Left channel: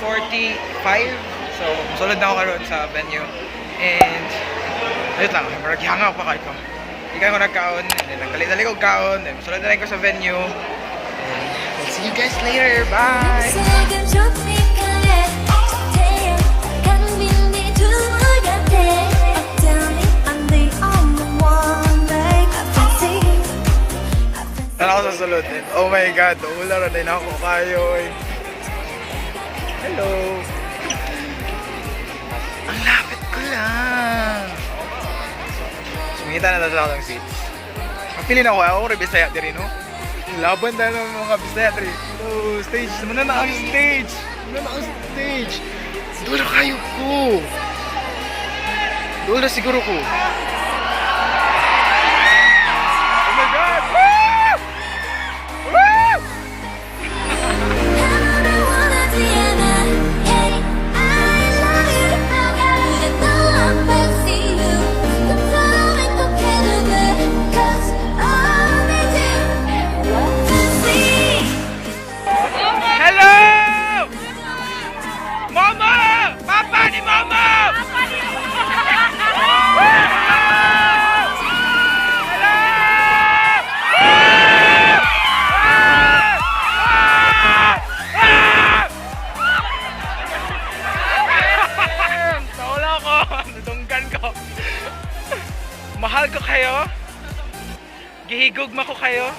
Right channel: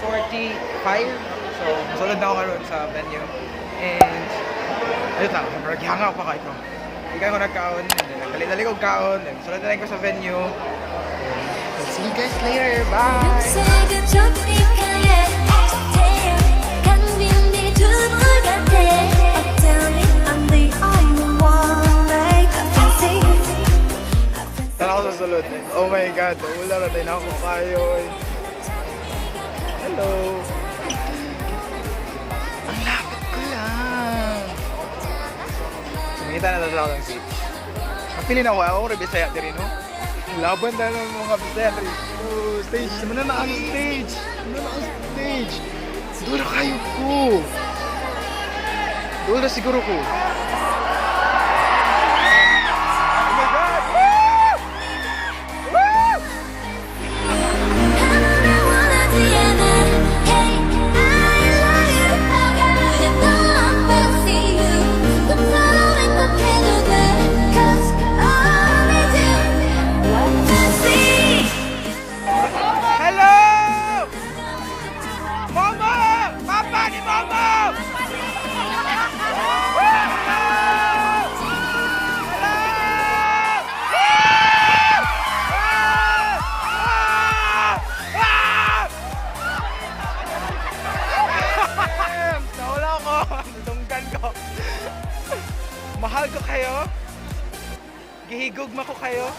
6:45. So, musulod na ako karon sa venue. And, ayun lang, maragihanga pa kayo. Ikan ko nagkaon, and then nagdali-dali ko kaon, and musulod na rin ko sa venue. And, we'll see you guys later. Bye! Tara ako sa sulod. And, oh my God, wala rin ako kayo. Hello! Ang lapit ko lang! Sumingita na sa akong seat. Napili na ako rin Bisaya din, no? Laban tayo ng mga Bisaya din. Oh, stage! Muna na ang stage! Muna na ang stage! Doon na kayo ko! Doon na siguro ko! Oh my God! Woo! Woo! Hello! Momo! Papa ni Momo! Nawala ko! Natunggan ko! Mahal ko kayo? Gihigugma ko kayo?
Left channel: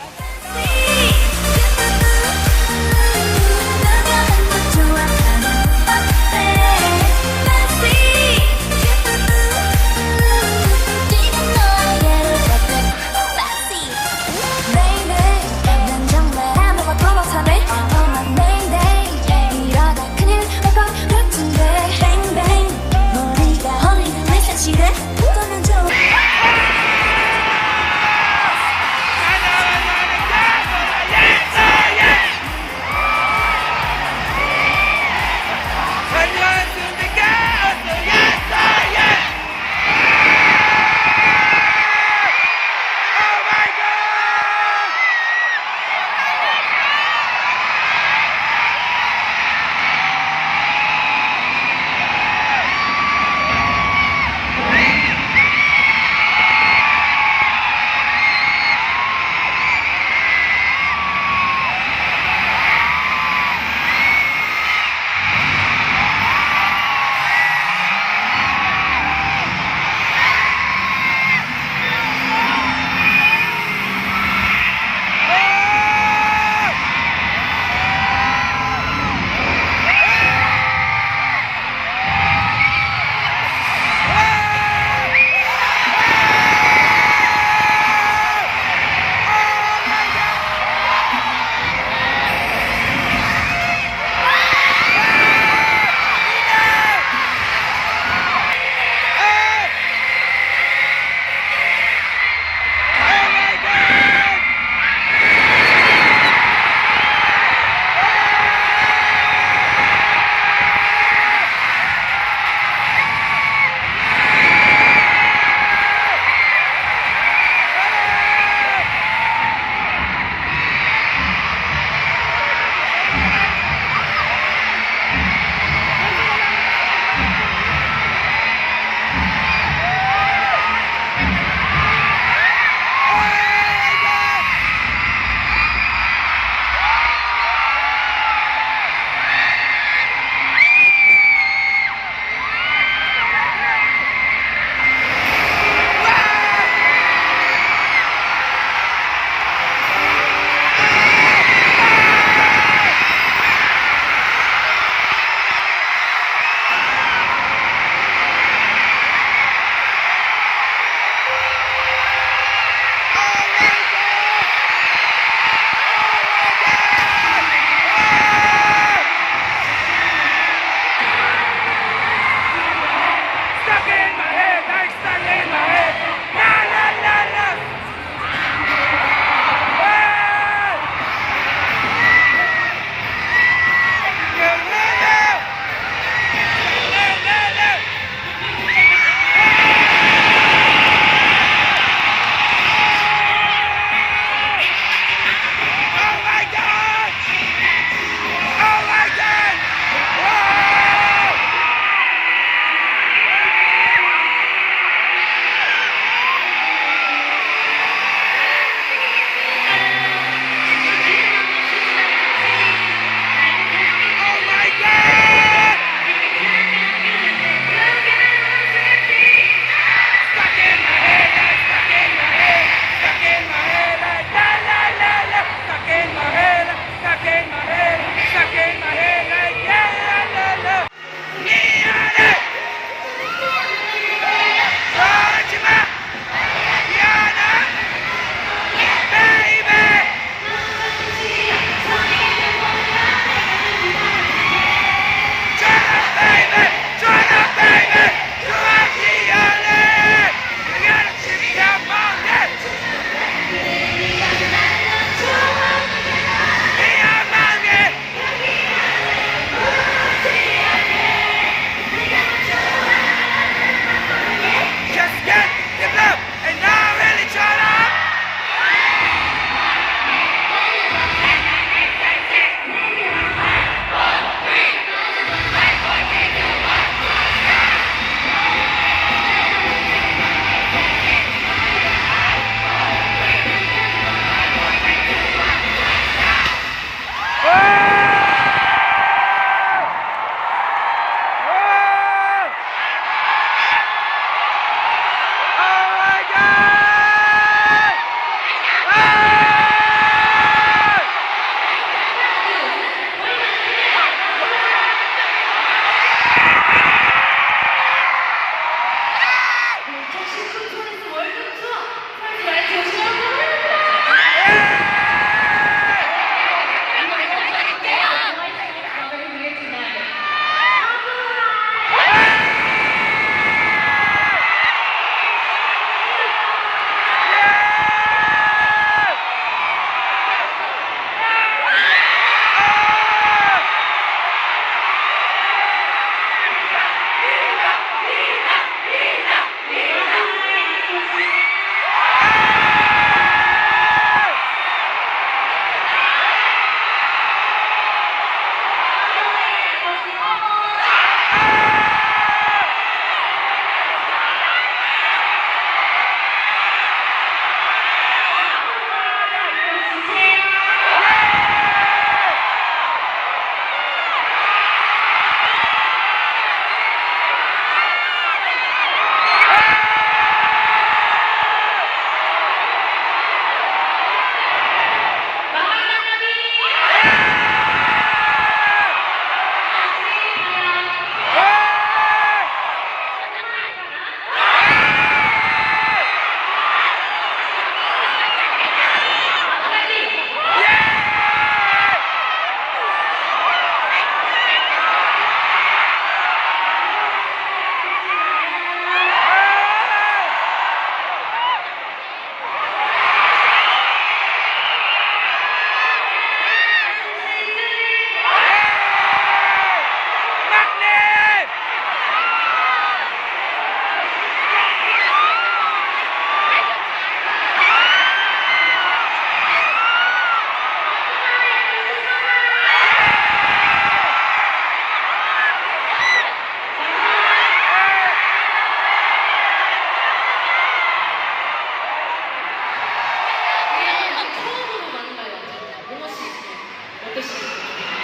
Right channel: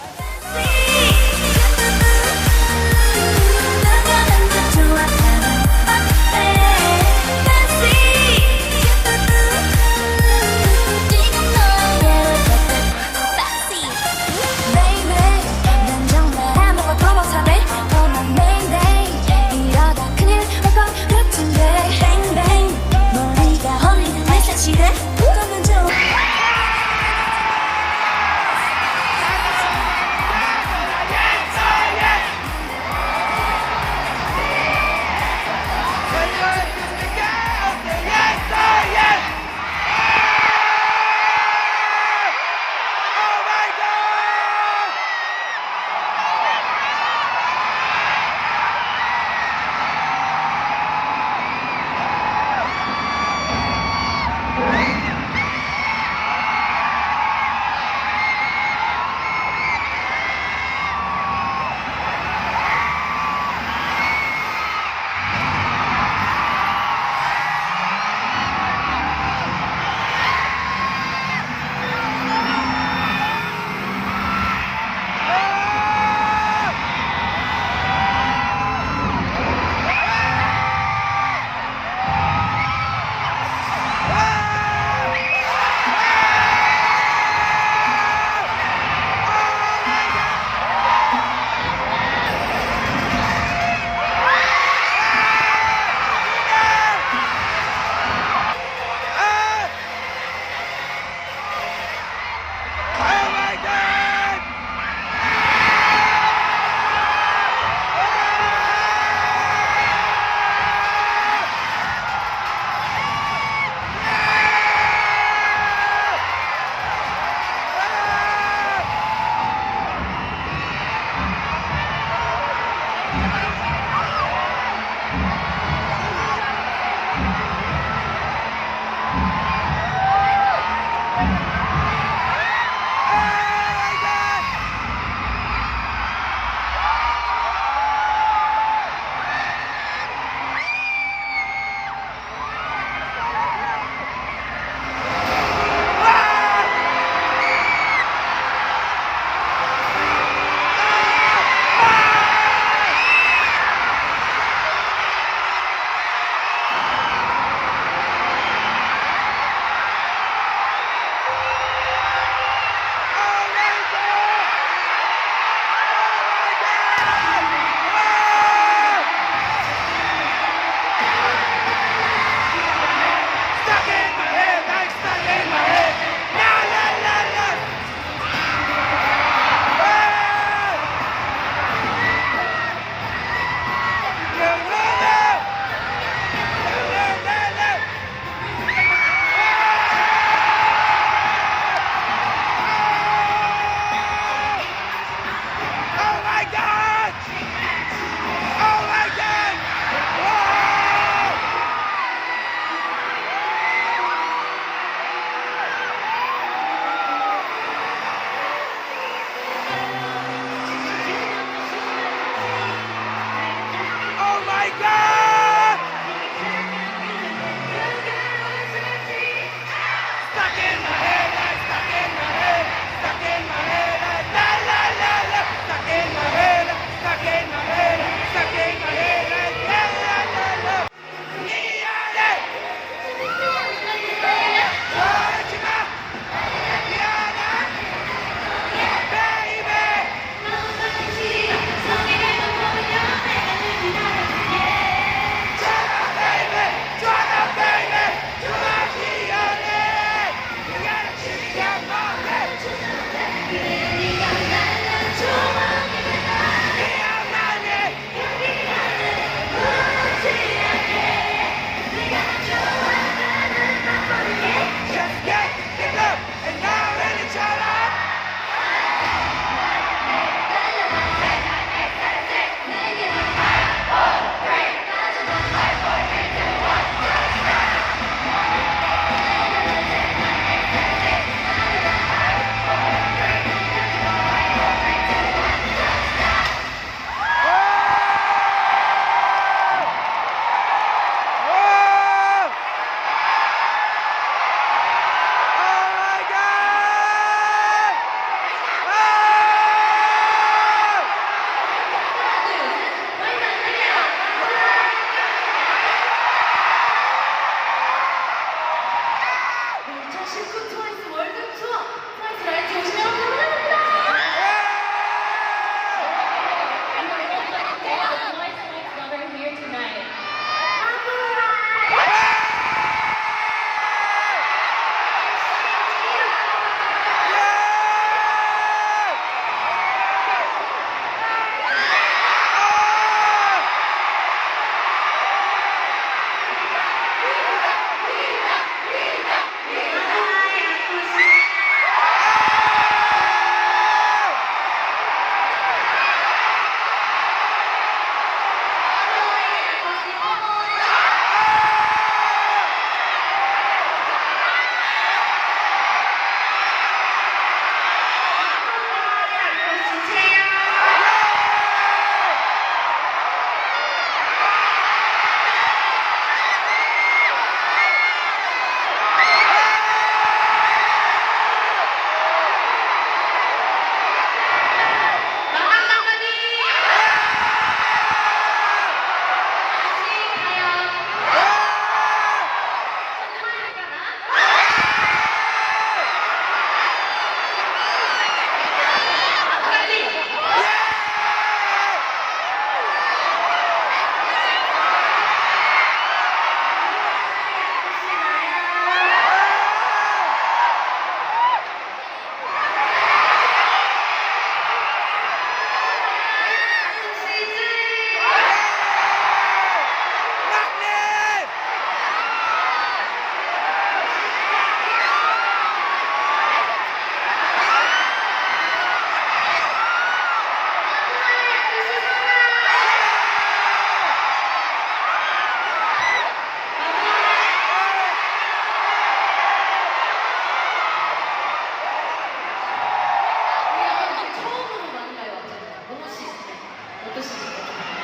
2020 월드 투어 프라이드 라이트 오시면 감사합니다.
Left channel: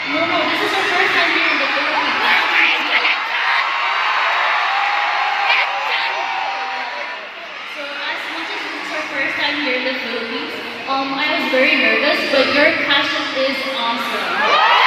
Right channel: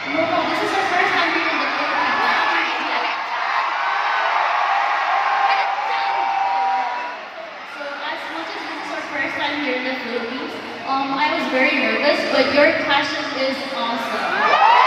Momo, this is our first time here in the Philippines. So as much as this is our first time here in the Philippines, I was very nervous, but your passion is awesome.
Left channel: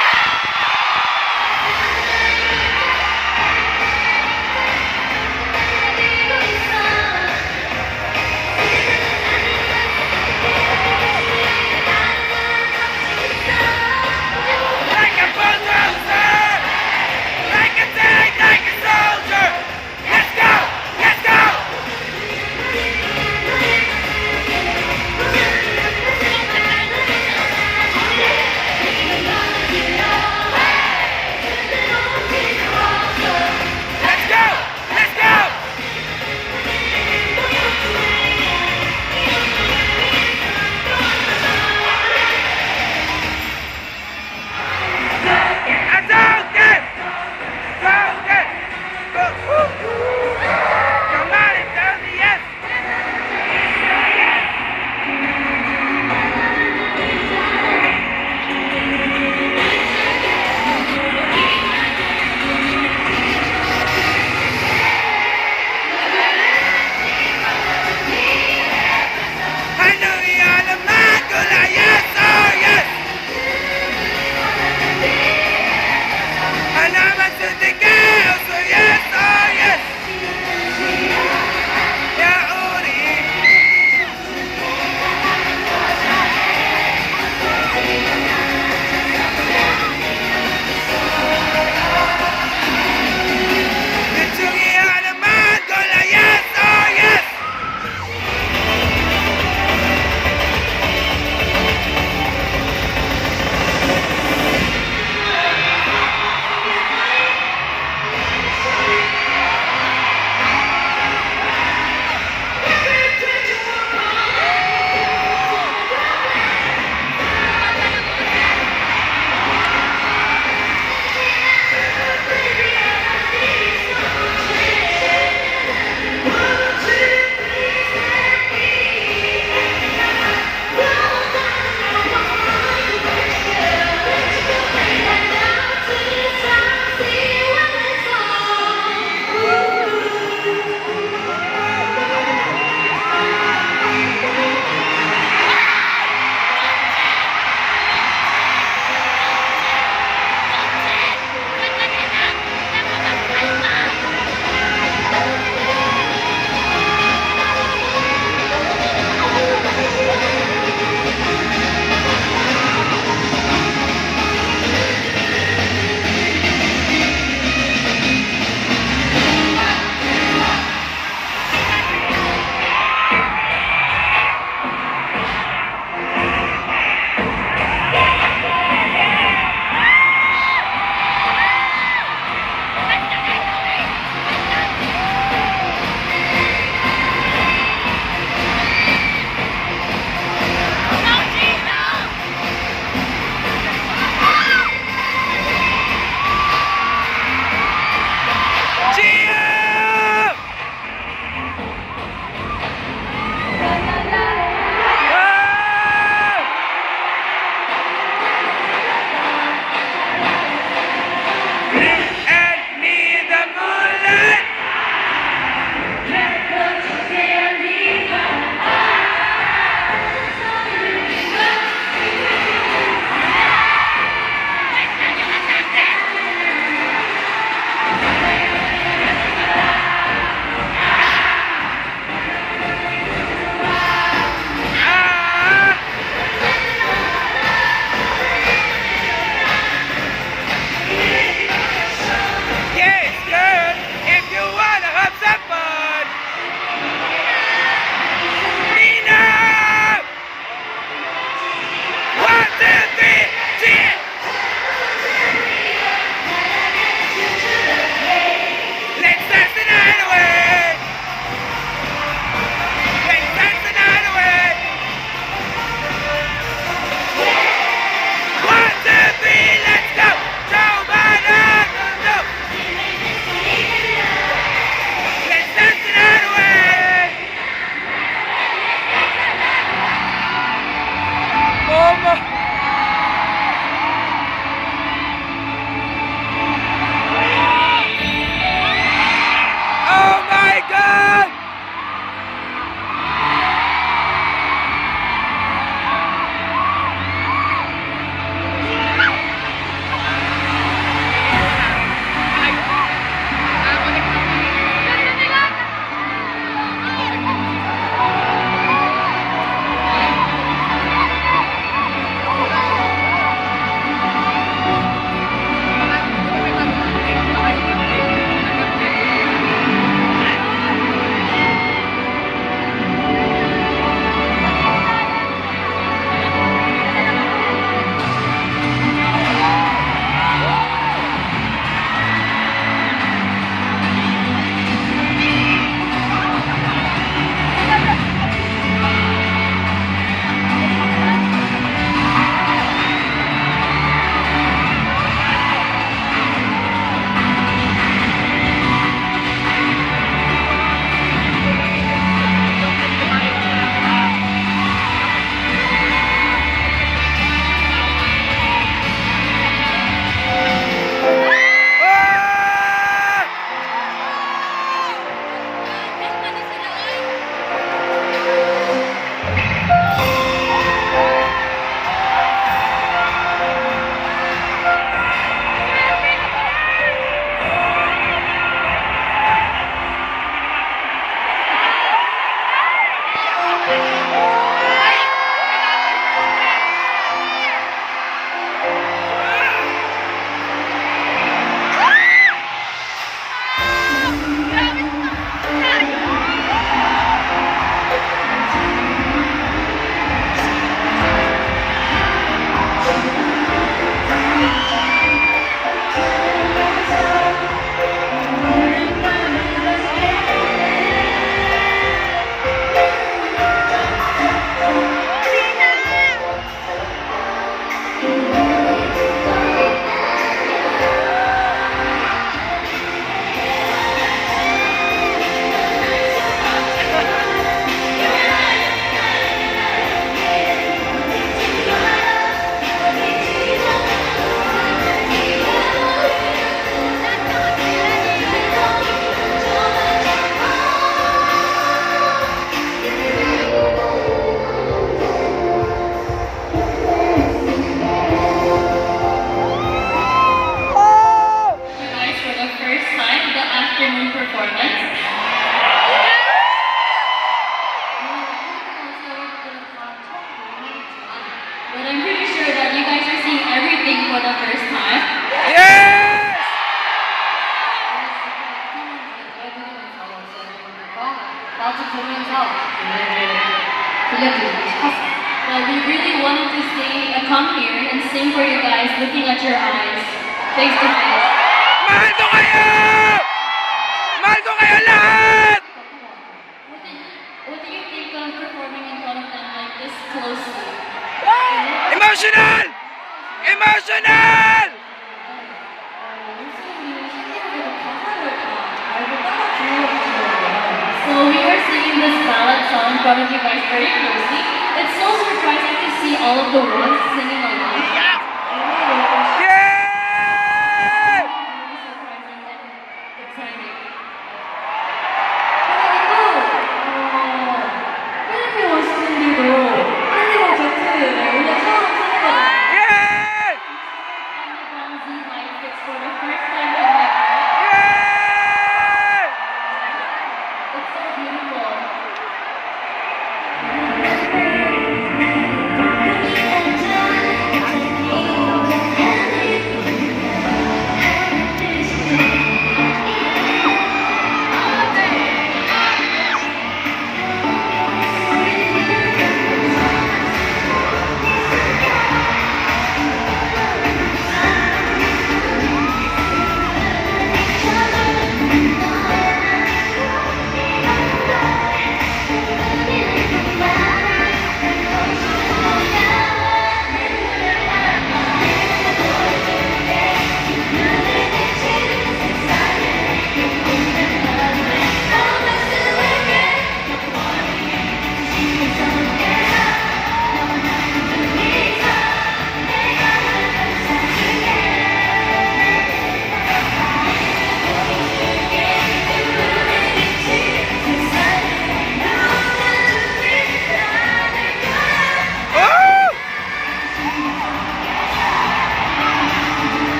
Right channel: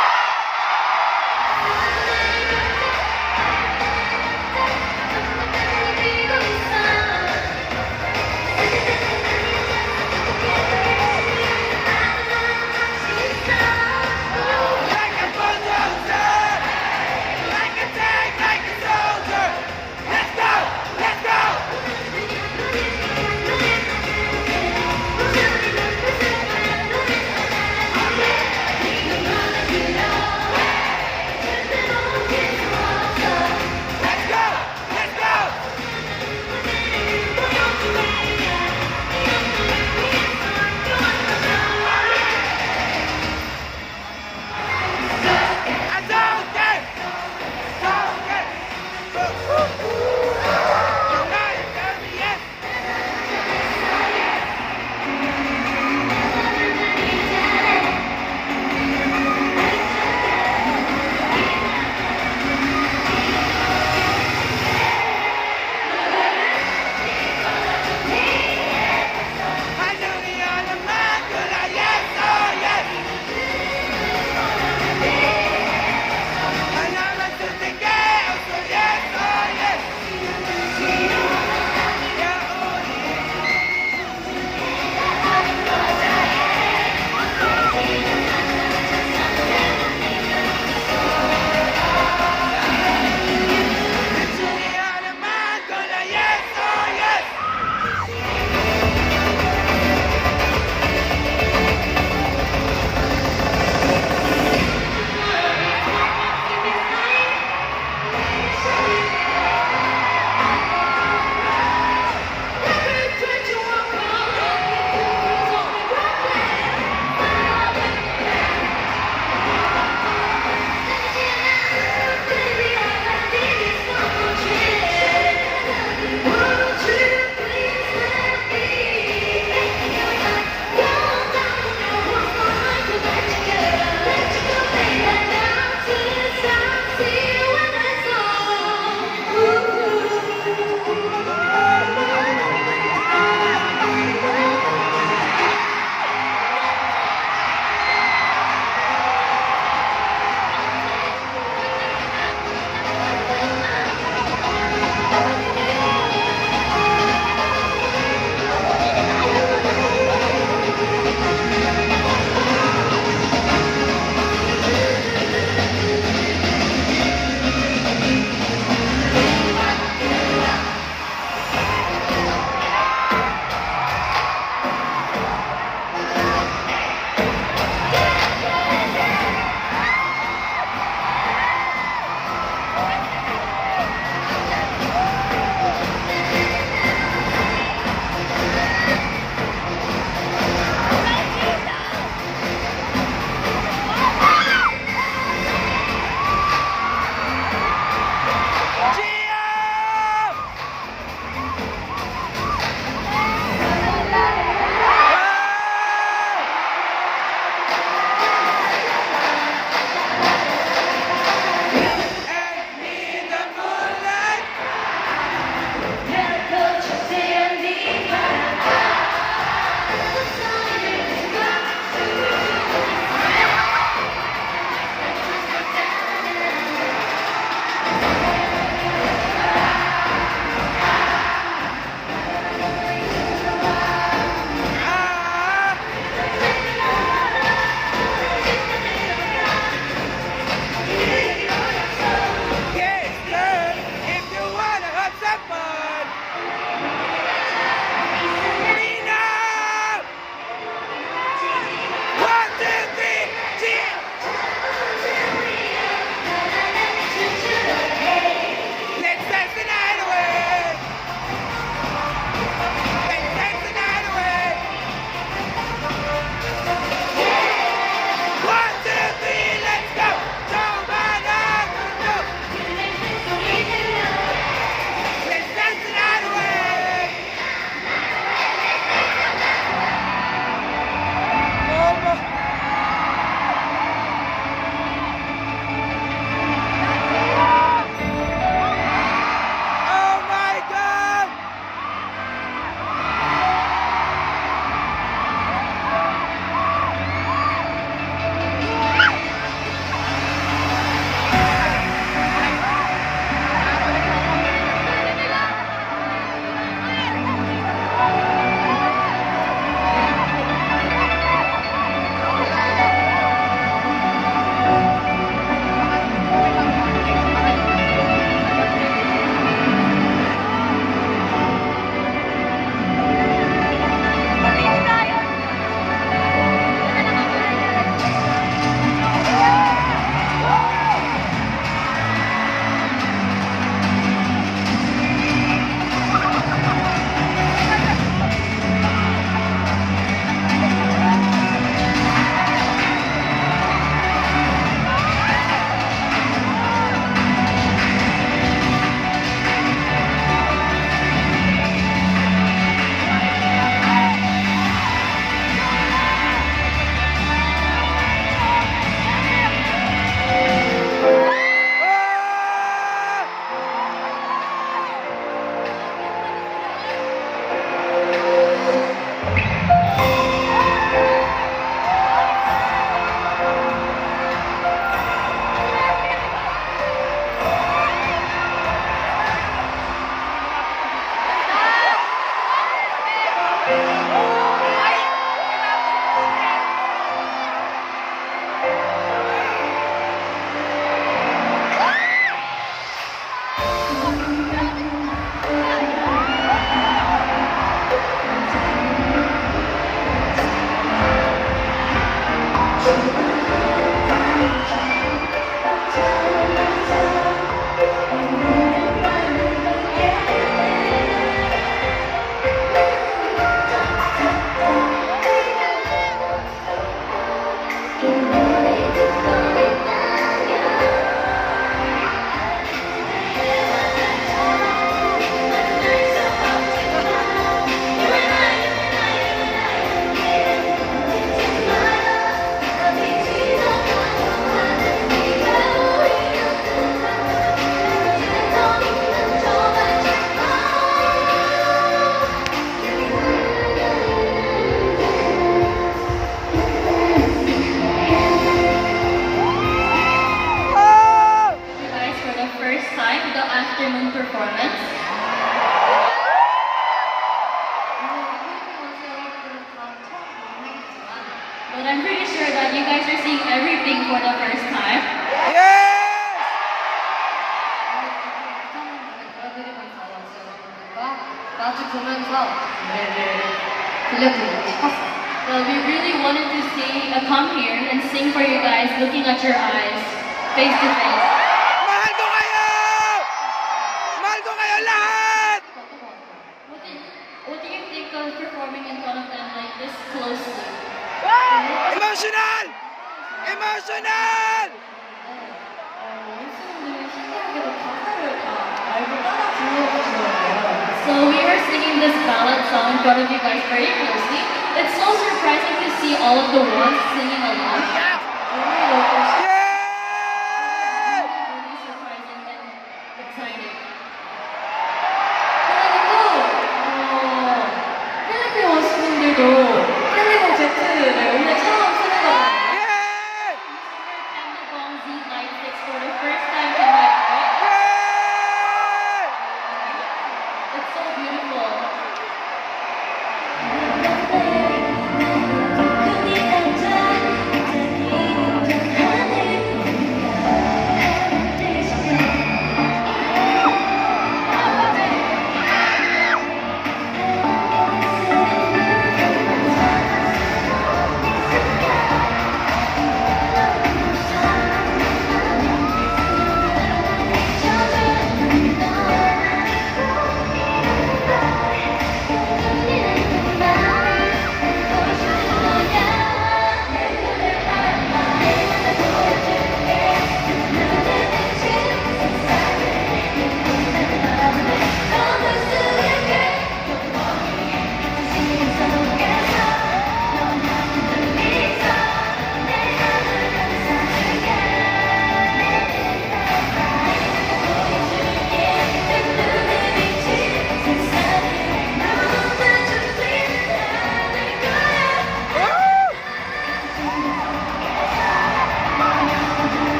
Yeah! 마주 보면서 노래를 들려드리고 싶었어요. But we really wanted to come here and sing for you guys, looking at your eyes, face to face. Mahal ko kayo! Mahal ko kayo lahat! What do you think of performing in front of them like this closely? Emotional! Emotional! So we were singing this ballad song in front of you guys very closely. It's so surprising to see all of the ones singing along. Yeah! Really surprising and exciting. 필리핀 오신 분들도 캘리건 제트를 오늘 처음 쓰는 거잖아요. Yeah! Bong Z Light Fix for the first time tonight. Yeah! It's so beautiful.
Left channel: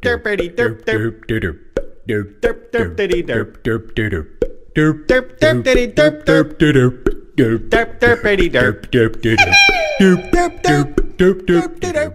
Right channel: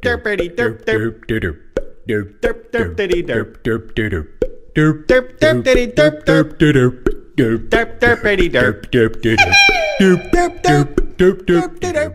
Derpity derp derp derp derp derp derpity derp derp derp derp derp derpity derp derp derp derp derp derpity derp derp derp derp derp derp derp derp derp